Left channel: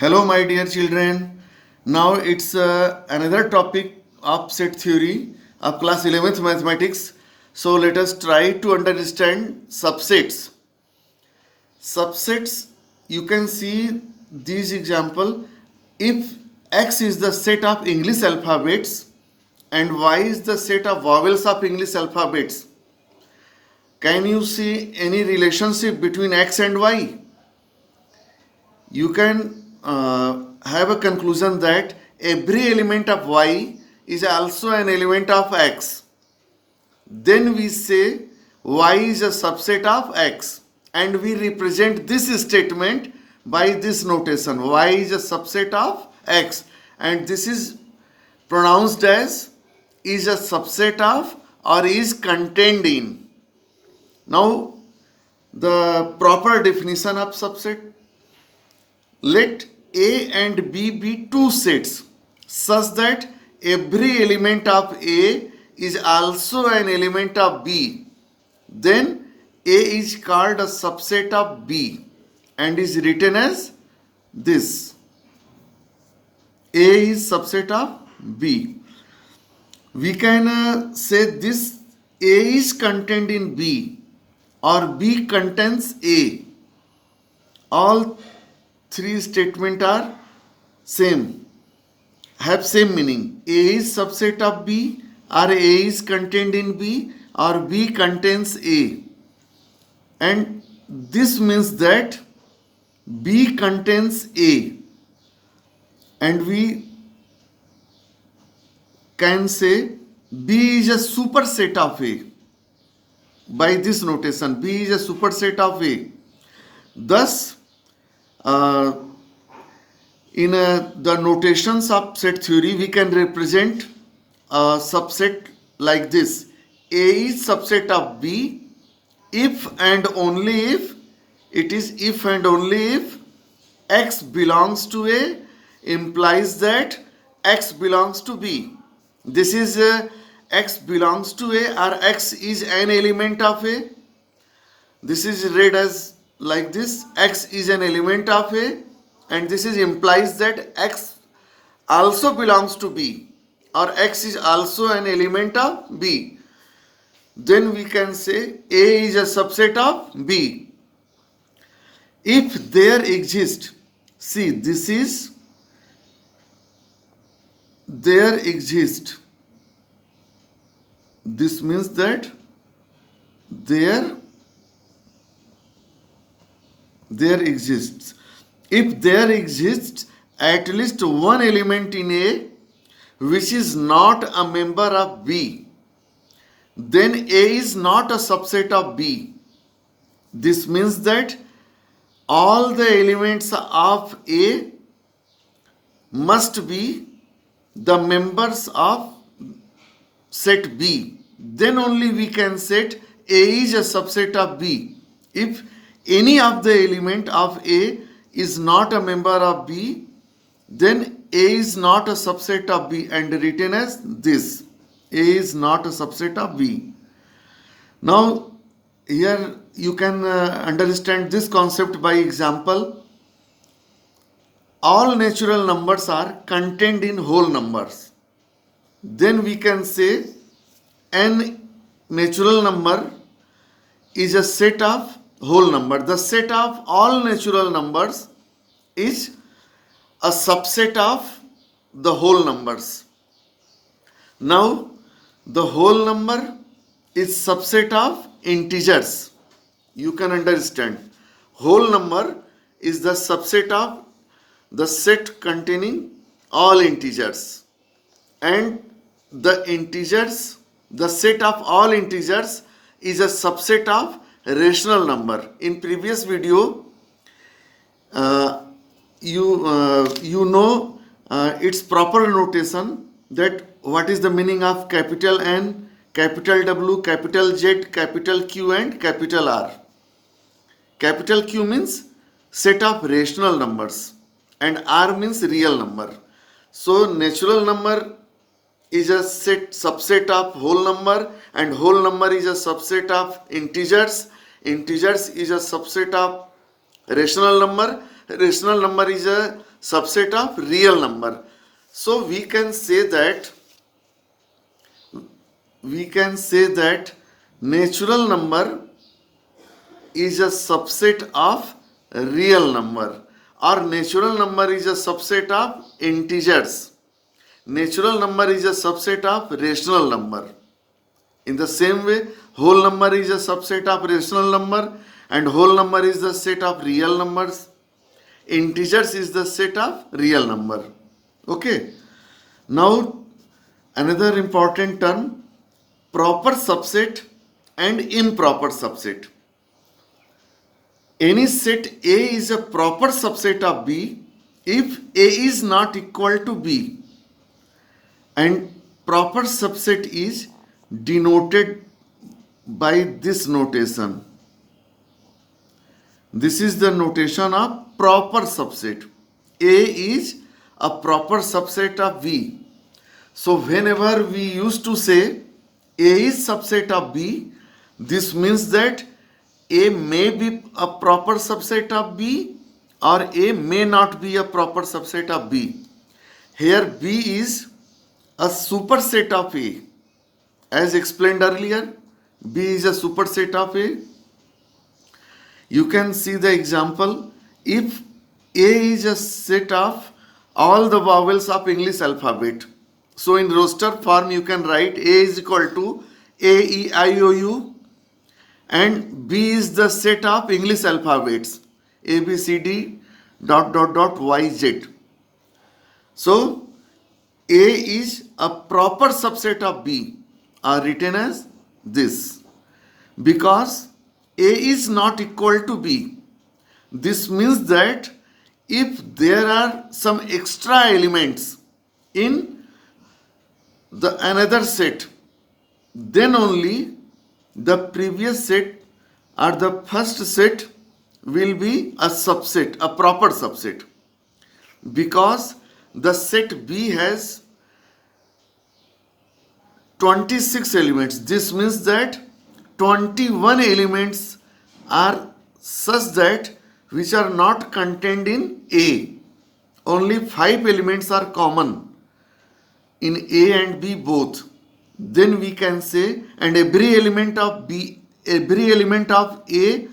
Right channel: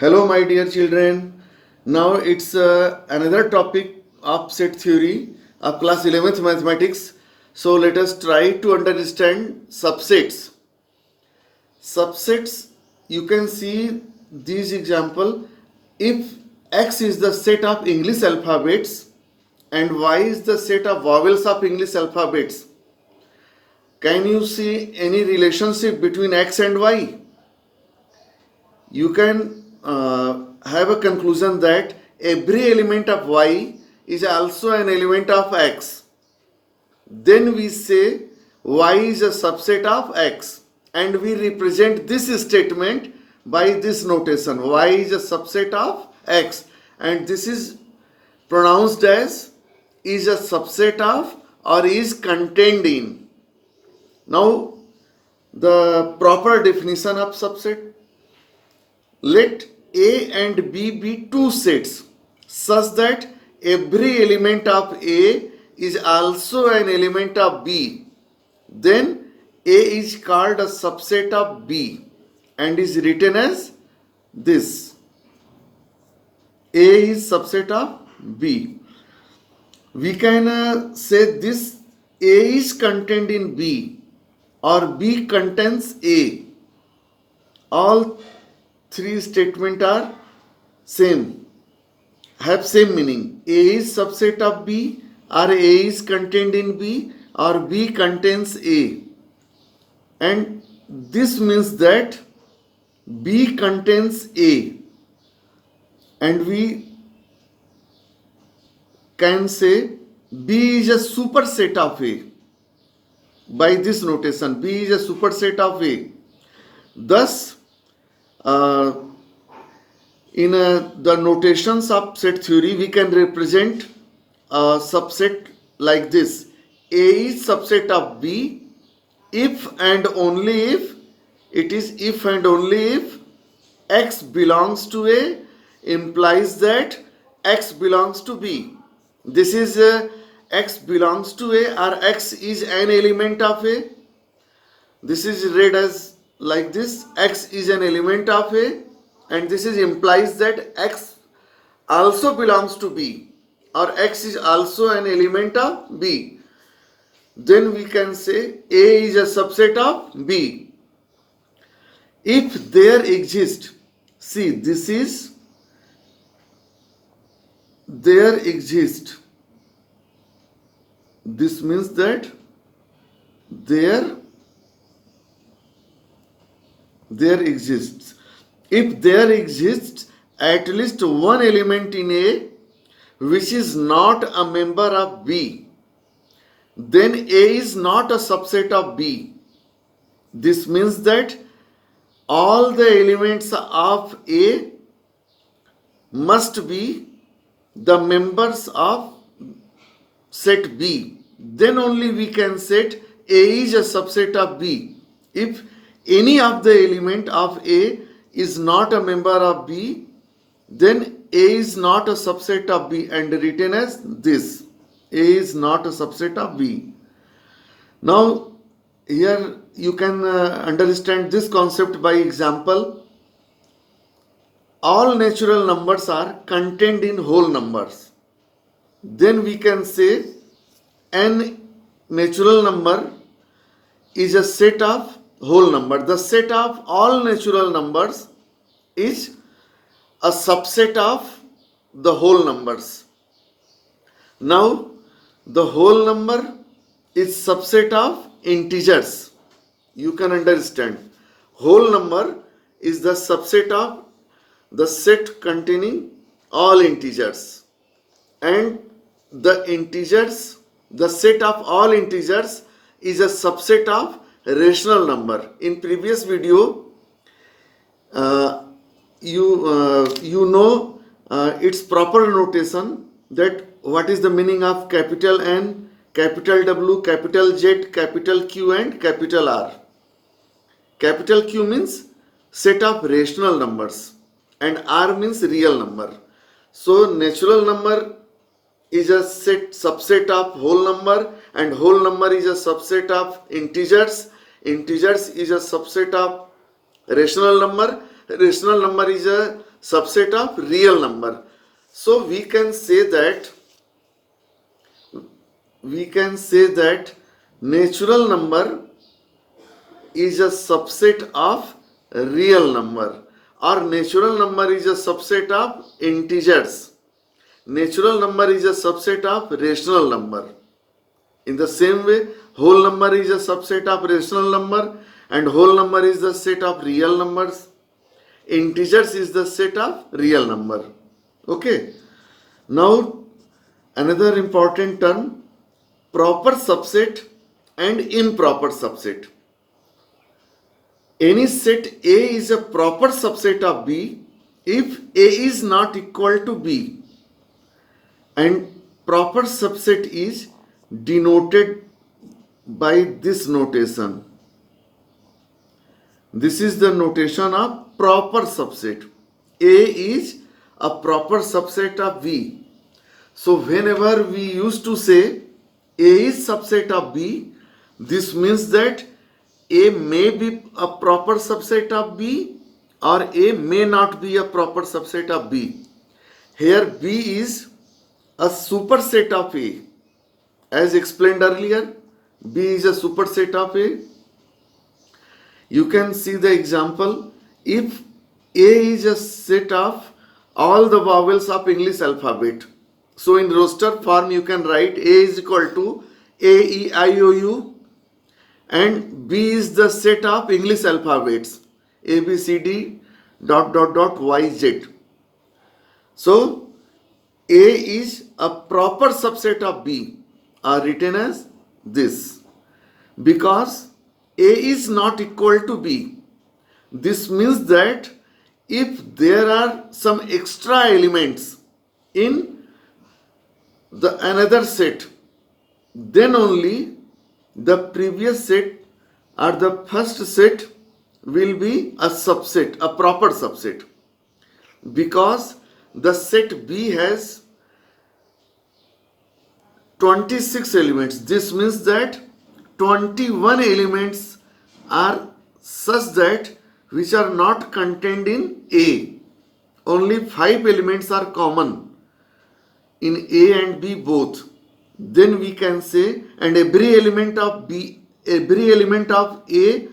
Hello, my dear children. Now it's another topic of set theory of class 11th mathematics. So let us try to understand subsets. Subsets, you can see this example. If X is the set of English alphabets and Y is the set of vowels of English alphabets, can you see any relationship between X and Y? You can have a conclusion that every element of y is also an element of x. Then we say y is a subset of x, and we represent this statement by this notation: y is a subset of x, and this is pronounced as is a subset of or is contained in. Now the proper definition of subset: let A and B be two sets such that every element of A is also an element of B. Then A is called a subset of B and is written as this: A is subset of B. We can say this: A is contained in B or B contains A. All three statements are same, have same meaning. A is subset of B, or A is contained in B, or B contains A. And this means that B contains A. And we can say B is a superset of A. By this notation, B is a superset of A. Thus, in the notations of set theory, we can represent a subset like this: A is subset of B if and only if, it is if and only if X belongs to A implies that X belongs to B. This is X belongs to A, or X is an element of A. This is read as like this: X is an element of A, and this is implies that X also belongs to B, or X is also an element of B. Then we can say A is a subset of B. If there exists, see, this is there exists. This means that there exists. If there exists at least one element in A which is not a member of B, then A is not a subset of B. This means that all the elements of A must be the members of set B. Then only we can set A is a subset of B. If any of the element of A is not a member of B, then A is not a subset of B, and written as this: A is not a subset of B. Now here you can understand this concept by example. All natural numbers are contained in whole numbers. Then we can say an natural number is a set of whole number. The set of all natural numbers is a subset of the whole numbers. Now the whole number is subset of integers. You can understand, whole number is the subset of the set containing all integers, and the integers, the set of all integers is a subset of rational number. In previous video, you know its proper notation, that what is the meaning of capital N, capital W, capital Z, capital Q, and capital R. Capital Q means set of rational numbers, and R means real number. So natural number is a subset of whole number, and whole number is a subset of integers. Integers is a subset of rational number. rational number is a subset of real number. So we can say that natural number is a subset of real number, or natural number is a subset of integers. Natural number is a subset of rational number. In the same way, whole number is a subset of rational number, and whole number is the set of real numbers. Integers is the set of real number. Okay. Now, another important term, proper subset and improper subset. Any set A is a proper subset of B if A is not equal to B, and proper subset is denoted by this notation. This is the notation of proper subset. A is a proper subset of B. So whenever we used to say A is subset of B, this means that A may be a proper subset of B or A may not be a proper subset of B. Here B is a superset of A. As explained earlier, B is a superset of A. You can see the example. If A is a set of all the vowels of English alphabet, so in roster form you can write A is equal to A, E, I, O, U, and B is the set of English alphabets A, B, C, D, dot, dot, dot, Y, Z. So A is a proper subset of B, are written as this, because A is not equal to B. This means that if there are some extra elements in the another set, then only the previous set or the first set will be a subset, a proper subset, because the set B has 26 elements. This means that 21 elements are such that which are not contained in A. Only 5 elements are common in A and B both. Then we can say, and every element of A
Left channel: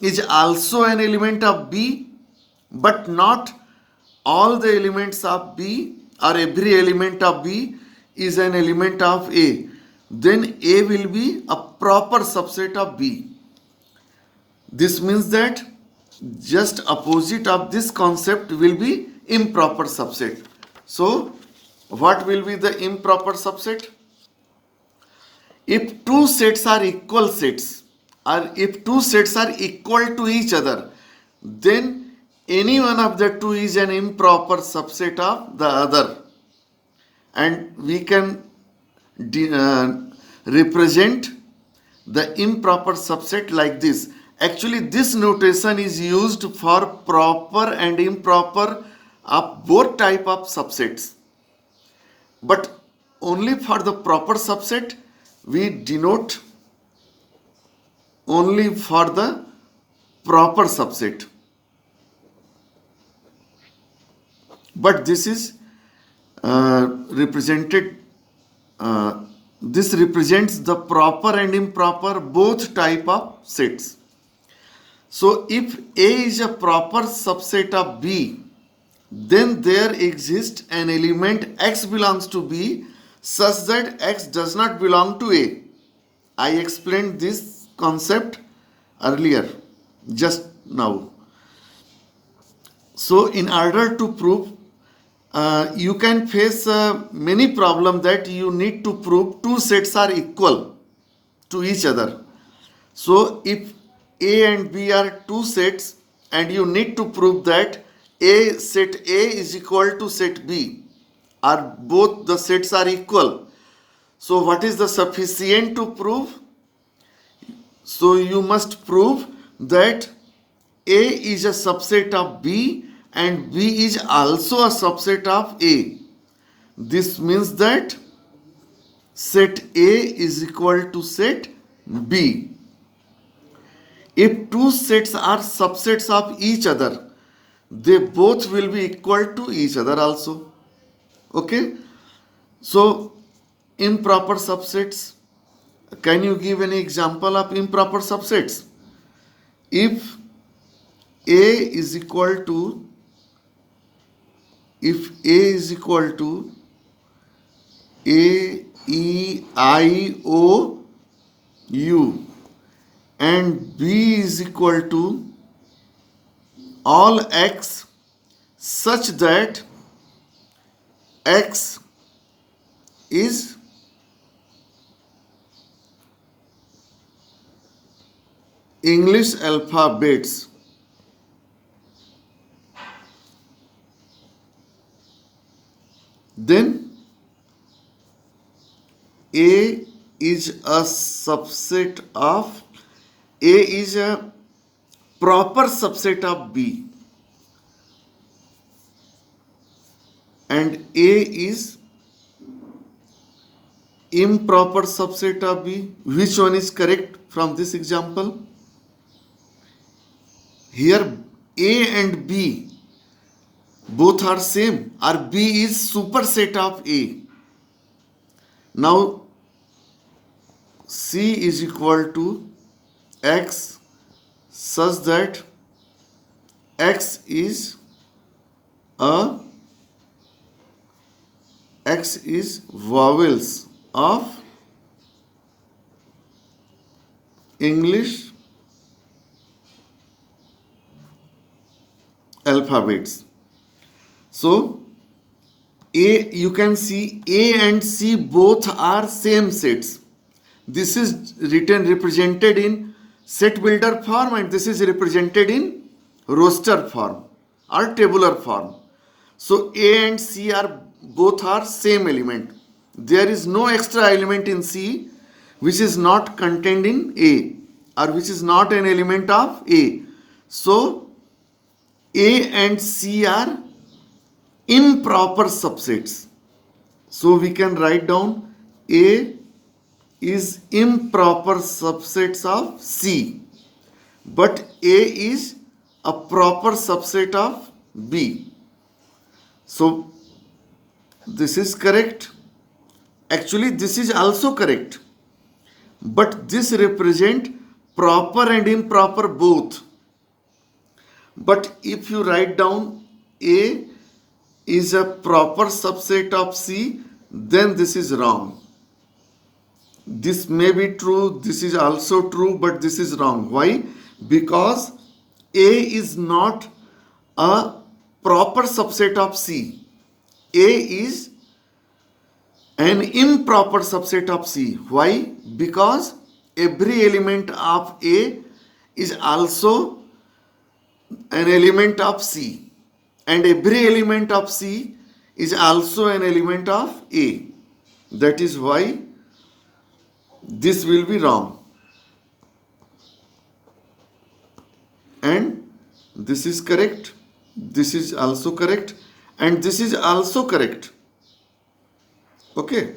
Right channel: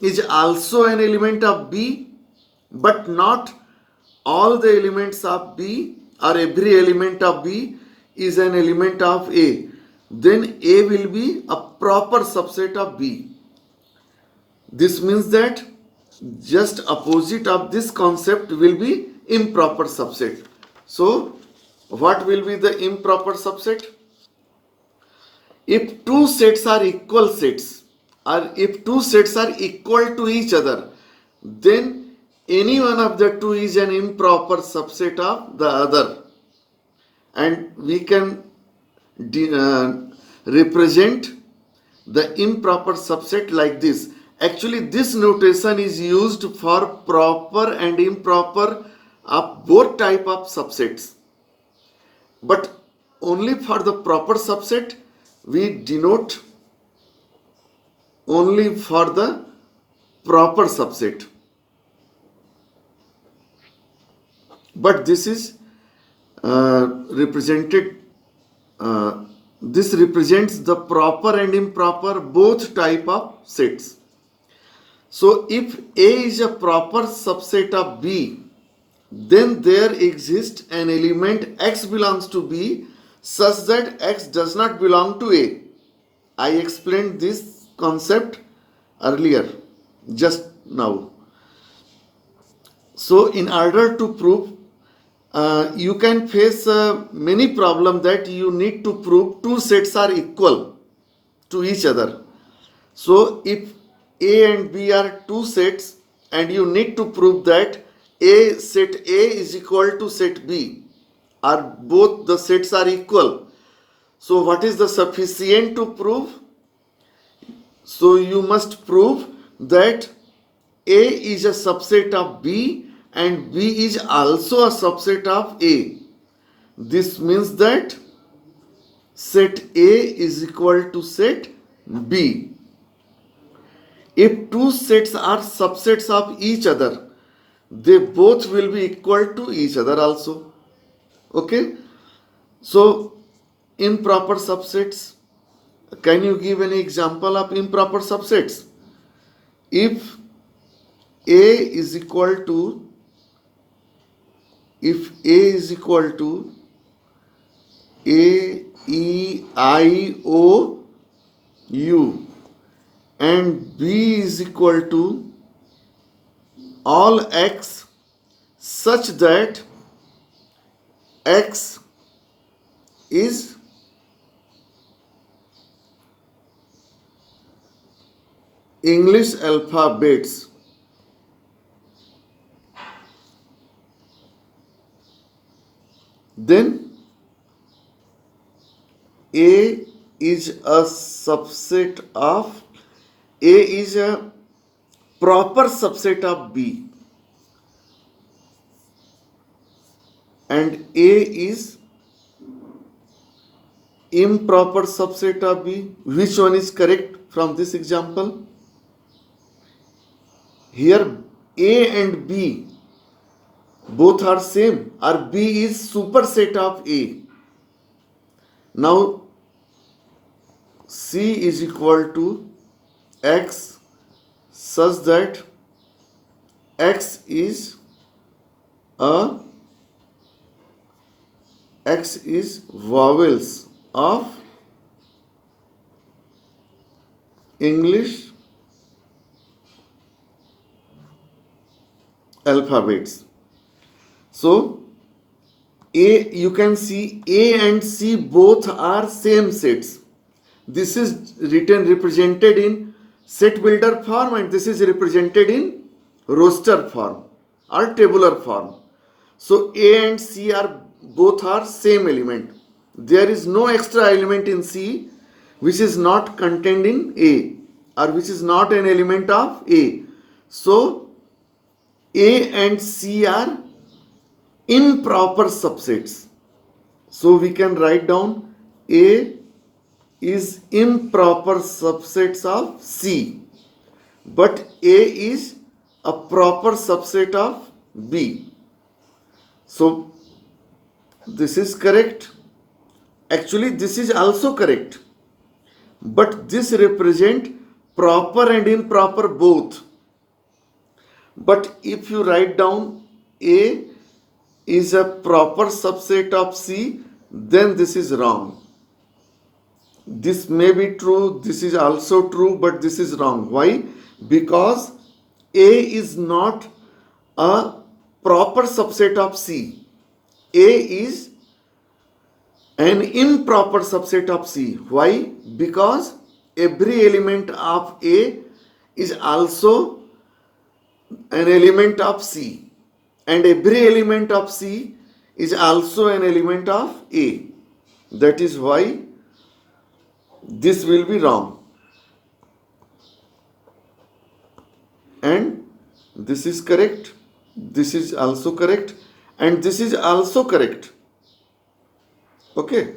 is also an element of B, but not all the elements of B or every element of B is an element of A. Then A will be a proper subset of B. This means that just opposite of this concept will be improper subset. So what will be the improper subset? If two sets are equal sets, or if two sets are equal to each other, then any one of the two is an improper subset of the other, and we can represent the improper subset like this. Actually, this notation is used for proper and improper of both type of subsets, but only for the proper subset we denote only for the proper subset. But this is this represents the proper and improper both type of sets. So if A is a proper subset of B, then there exists an element X belongs to B such that X does not belong to A. I explained this concept earlier, just now. So in order to prove, you can face many problems that you need to prove two sets are equal to each other. So if A and B are two sets and you need to prove that set A is equal to set B, or both the sets are equal. So what is the sufficient to prove? So you must prove that A is a subset of B and B is also a subset of A. This means that set A is equal to set B. If two sets are subsets of each other, they both will be equal to each other also. Okay, so improper subsets. Can you give any example of improper subsets? If A is equal to, if A is equal to A, E, I, O, U and B is equal to all X such that X is English alphabets, then A is a subset of, A is a proper subset of B and A is improper subset of B. Which one is correct from this example? Here A and B both are same, or B is superset of A. Now C is equal to X such that X is vowels of English alphabets. So A, you can see A and C both are same sets. This is represented in set builder form and this is represented in roster form or tabular form. So A and C are both are same element. There is no extra element in C which is not contained in A or which is not an element of A. So A and C are improper subsets. So we can write down A is improper subsets of C, but A is a proper subset of B. So this is correct. Actually, this is also correct, but this represent proper and improper both. But if you write down A is a proper subset of C, then this is wrong. This may be true, this is also true, but this is wrong. Why? Because A is not a proper subset of C. A is an improper subset of C. Why? Because every element of A is also an element of C, and every element of C is also an element of A. That is why this will be wrong. And this is correct, this is also correct, and this is also correct. Okay.